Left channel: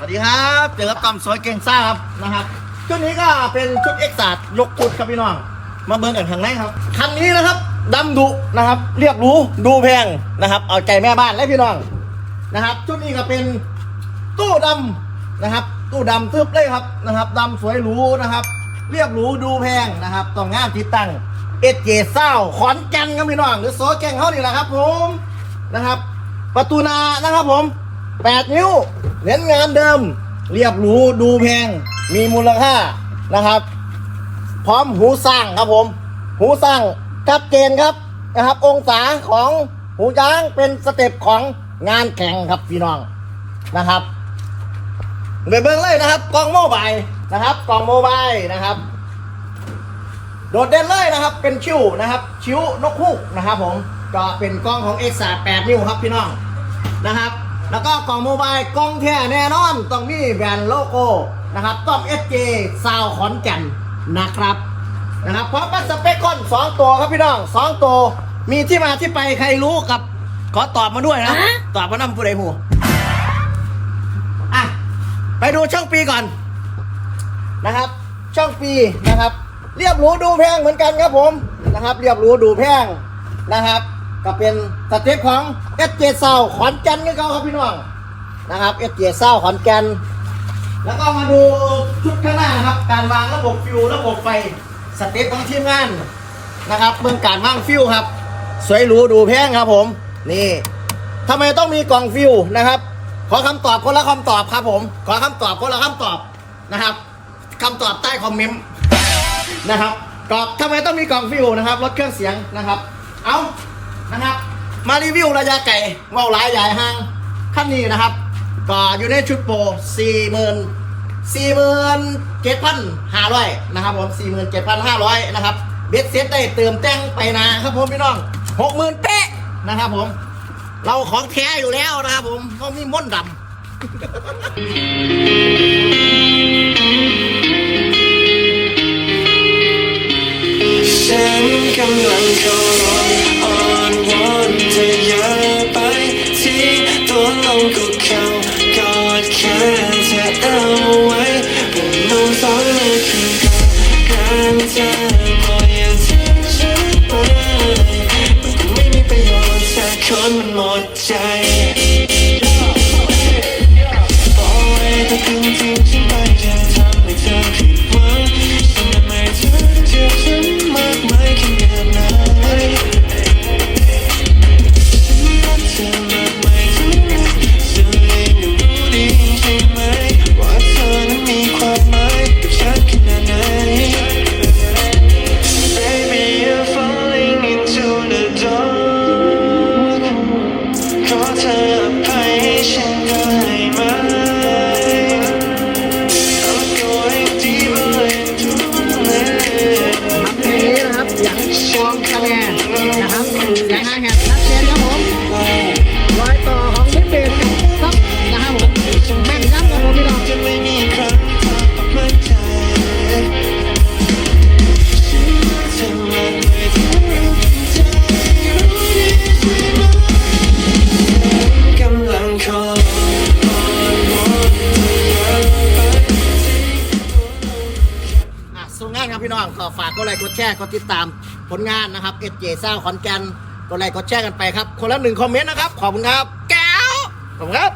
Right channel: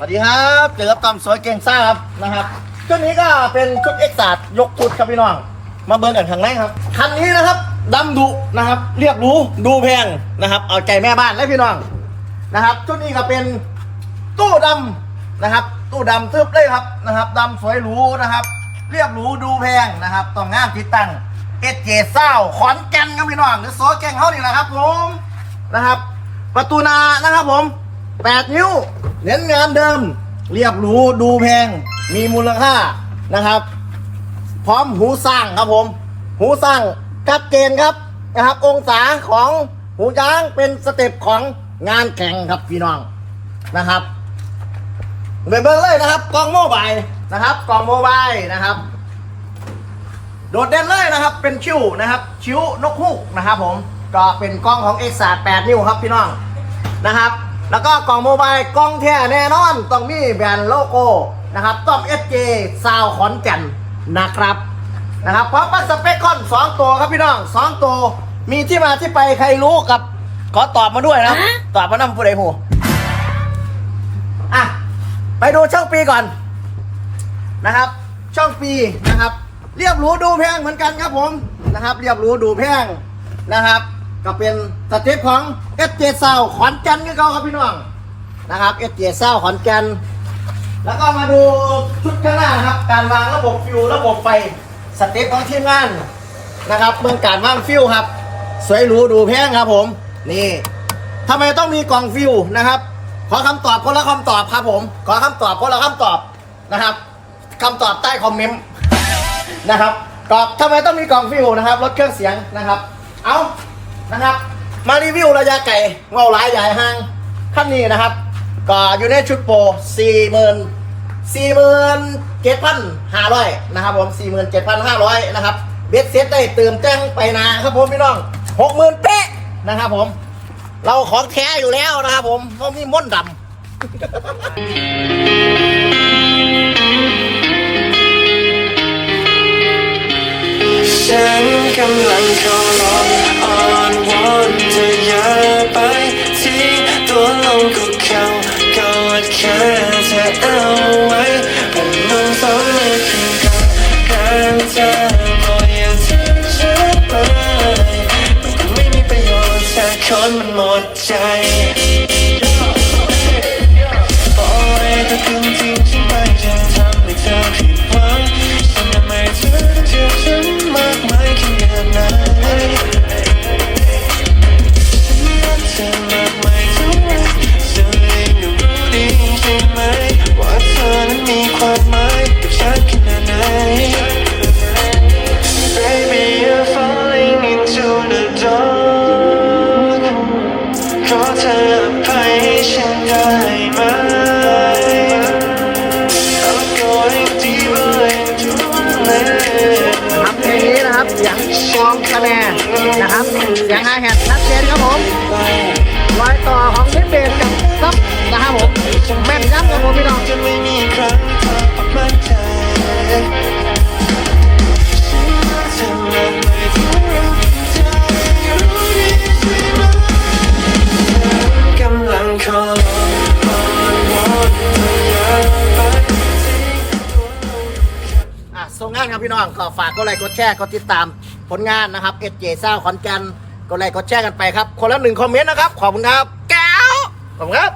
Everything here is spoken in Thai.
สวัสดีครับเจอกับตอมสวยเก่งซ่าครับนะครับชุดนี้ก็เป็นชุดเอ็กซ์ตยกชุดครับพี่น้อง มาเบิร์นกันข้างในครับคันนี้นะครับดำดุนะครับ เรียบหรู้ดูแพงนะครับเอาใจแม่บ้านและพี่น้องนะครับชุดนี้ก็เป็นตู้ดำนะครับ ตู้ดำทึบเลยครับนะครับดำสวยหรูนะครับ เรียบหรูดูแพงนะครับต้องงามที่ตั้งเอเจเศร้าขอนแก่นครับพี่น้องหรือโซแกงเขานี่แหละครับผมนะครับ ประตูนานะครับผม 8 นิ้ว เน้นงานเดิม เรียบหรูดูแพง มีมูลค่านะครับ พร้อมหูสร้างครับผม หูสร้างชัดเจนครับนะครับ องศาของหูช้างเป็นสเต็ปของงานแข่งครับพี่น้องนะครับเบิ่งเบิ่งเลยนะครับกล้องโมบายนะครับกล้องโมบายนะครับ โดดเด่นเลยนะครับ เป็นคิ้วนะครับคิ้วนกฮูกนะครับผมก็เป็นกล้องของ X 3 8 นิ้วครับพี่น้องนะครับ แล้วก็กล่องโมบายกล้องแท้แน่นอนต้องมีแบรนด์โลโก้นะครับต้อง SJ ซาวขอนแก่นนะครับนะครับพร้อมกับสเปคคอนสองตัวครับพี่น้องสองตัวมีที่มาที่ไปใครรู้กับขอตอบมาด้วยนะตอบมานำผู้ใดหูอะไปดูช่องปีก่อนนะครับ ช่องปีนะครับ เรียบหรูดูแพงเหมือนกันครับผมนะครับ เรียบหรูดูแพงนะครับ ก็เป็นสเต็ปของเอสเจเซาขอนแก่นกันเขาครับพี่น้องนะครับเอสเจเซาขอนแก่นแล้วก็มาดูชุดข้างหน้านะครับ การวางระบบฟิวระบบไฟสเต็ปของทีมงานนะครับเบื้องการวางฟิวครับ สวยหรูดูแพงครับผมนี่ทำไมต้องมีกล่องฟิวนะครับ ขอคำตอบคนละคำตอบครับผม ขอคำตอบคนละคำตอบนะครับคำตอบใต้คอมเมนต์นะครับกรอบทำไมต้องมีกล่องฟิวนะครับลดเครื่องเสียงนะครับ เอา นะครับ มารีวิวระยะไก่เงาหลายใหญ่ห้างขั้นนี้นะครับ ก็อยู่ในชุดโปรสี่หมื่นสี่หมื่นเจ็ดพันห้าร้อยนะครับผมสี่หมื่นเจ็ดพันห้าร้อยนะครับเบ็ดเซ็ตได้เติมแจ้งไปนะครับผมพี่น้องหกหมื่นเป๊ะนะครับผม เราของแท้อยู่แล้วนะครับผมเพราะมีม่นดำฉันกำลัง เอาไว้ผมนุ่งสองมือขึ้นกันกันเธอบอกอย่าทิ้งฉันไปมันคงไม่มีประโยชน์ถ้าคนมันหมดใจ กองคะแนนนะครับเสียงไฮแฮทชัดเจนครับผมรอยต่อของนิเบสกับซับนะครับผมแม่นยับครับผมพี่น้องจะไม่มีครั้งเธอออกมาใจฉันรักเธอมากไม่เท่ารเธอรู้ดีใช่ไหมกำลังขอร้องอ้อนวอนเธออย่าไปทิ้งตัวลงอะส่งงานครับพี่น้องก็ฝากกดไลค์กดแชร์กดติดตาม ผลงานนะครับเอเจซ่าขอนแก่นกดไลค์กดแชร์กันไปครับ คนละหนึ่งคอมเมนต์นะครับ ขอบคุณครับ แก้วขอบคุณครับ